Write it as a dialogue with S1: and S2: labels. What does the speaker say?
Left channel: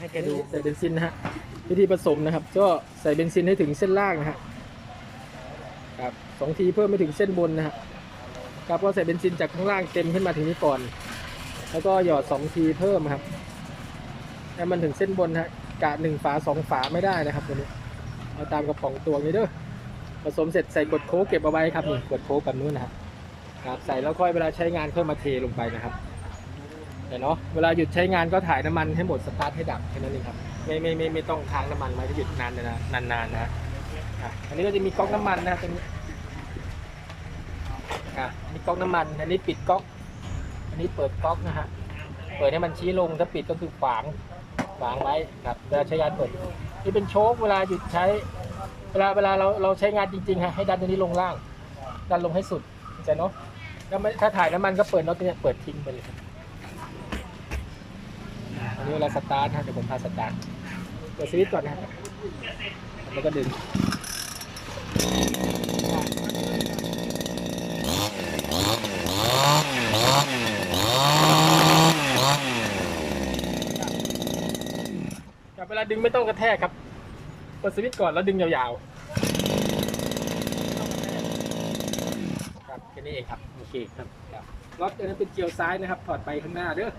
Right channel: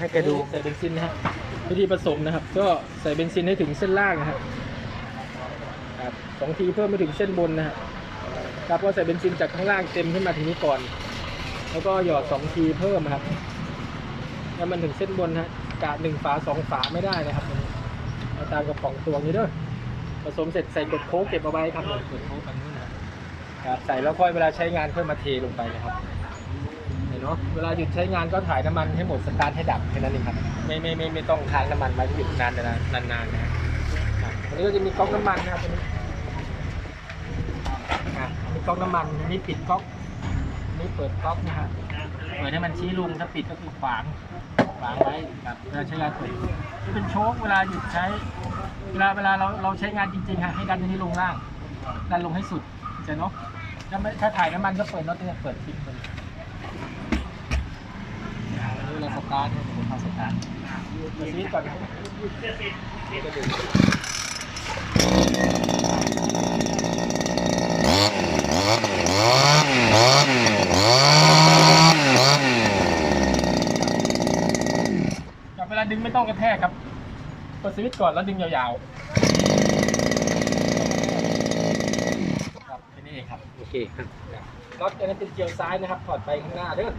S1: ให้แกดู
S2: ใส่เบนซินนะฮะวิธีผสมนะครับ ก็ใส่เบนซินให้ถึงเส้นล่างนะครับครับสองทีเพิ่มไปถึงเส้นบนนะฮะครับก็ใส่เบนซินจากข้างล่างเต็มขึ้นมาถึงนี้ก่อน แล้วก็หยอดสองทีเพิ่มครับให้มันถึงเส้นบนฮะกะหนึ่งฝาสองฝาไม่ได้นะครับตัวนี้เอาตามกระป๋องตัวนี้เด้อผสมเสร็จใส่กดโค้กเก็บเอาไว้ครับกดโค้กแบบนู้นนะครับครับใส่แล้วค่อยเวลาใช้งานค่อยมาเทลงไปนะครับ เนาะเวลาหยุดใช้งานก็ถ่ายน้ำมันให้หมดสตาร์ทให้ดับแค่นั้นเองครับไม่ไม่ไม่ไม่ต้องค้างน้ำมันมาหยุดนานนานนานๆนะอะอันนี้ก็จะมีก๊อกน้ำมันนะครับอะมีก๊อกน้ำมันอันนี้ปิดก๊อกอันนี้เปิดก๊อกนะครับเปิดให้มันชี้ลงถ้าปิดก็คือขวางขวางไว้ครับเวลาใช้งานเปิดนี่เป็นโชคเวลาหยุดใช้ เวลาเวลาเราเราใช้งานจริงๆฮะให้ดันอันนี้ลงล่าง ดันลงให้สุดเข้าใจเนาะถ้าไม่ถ้าถ่ายน้ำมันก็เปิดน็อตเนี่ยเปิดทิ้งไปเลย เวลาสตาร์ทนะเดี๋ยวผมพาสตาร์ทเปิดสวิตช์ก่อนนะครับแล้วก็ดึงครับเวลาดึงไม่ต้องกระแทกครับเปิดสวิตช์ก่อนแล้วดึงยาวๆ ครับแค่นี้เองครับ โอเคครับน็อตอันนั้นเป็นเกลียวซ้ายนะครับ ถอดไปข้างหน้าเด้อ